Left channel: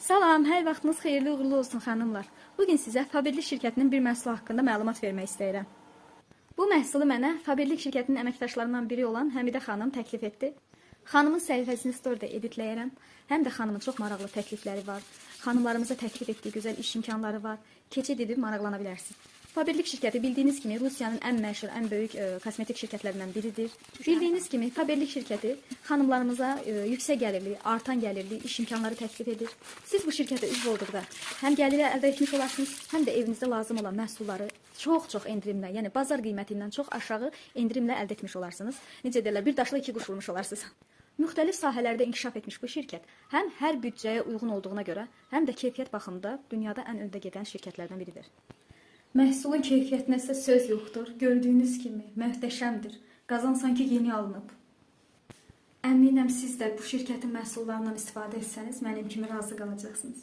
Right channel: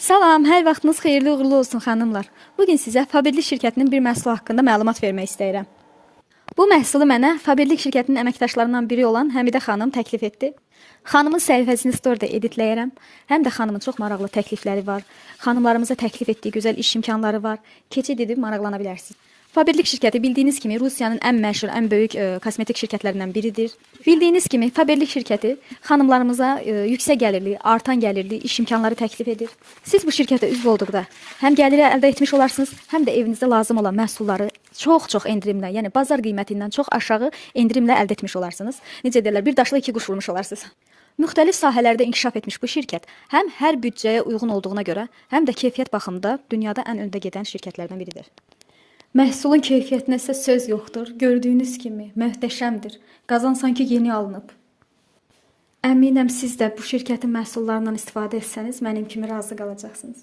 Salam, hər vaxtınız xeyirli uğurlu olsun xanımlar. Bugün sizə Faberlik şirkətinin bir məhsulu haqqında məlumat vermək istəyirəm. Bu məhsulu mənə Faberlik şirkətinin əməkdaşlarından biri olan Həmidə xanım təklif etdi. Xanımın səhifəsini storydə editləyərəm. Həm də xanımın çox maraqlı təklifləri var. Xanımlarımıza təklif etdiyi gözəl iş imkanları var. Keçid edib maraqlana bilərsiniz. Faberlik şirkəti bildiyiniz kimi Rusiyanın ən məşhur, ən böyük kosmetik şirkətlərindən biridir. Bildiyiniz kimi Faberlik şirkəti xanımlarımıza yüksək gəlirli, artan gəlirli iş imkanları təklif edir. Siz bu şirkətə üzv olduqda həm gəliri əldə etmiş olarsınız, həm də evinizdə lazım olan məhsulları çox endirimlə, yəni bazar qiymətindən çox aşağı endirimlə əldə etmiş olarsınız. Necə deyirlər, bir daşla iki quş vurmuş olarsınız. Müxtəlif sahələrdə inkişaf etmiş bu şirkət həm hər büdcəyə uyğun olduğuna görə, həm də keyfiyyət baxımında dünyada ən öndə gedən şirkətlərdən biridir. Məhsulun keyfiyyətinə isə söz yoxdur. Gördüyünüz kimi möhtəşəmdir. Qazan sanki yeni alınıb. Əminəm siz də bu şirkətin məhsullarından istifadə etsəniz, mənim kimi razı qalacaqsınız.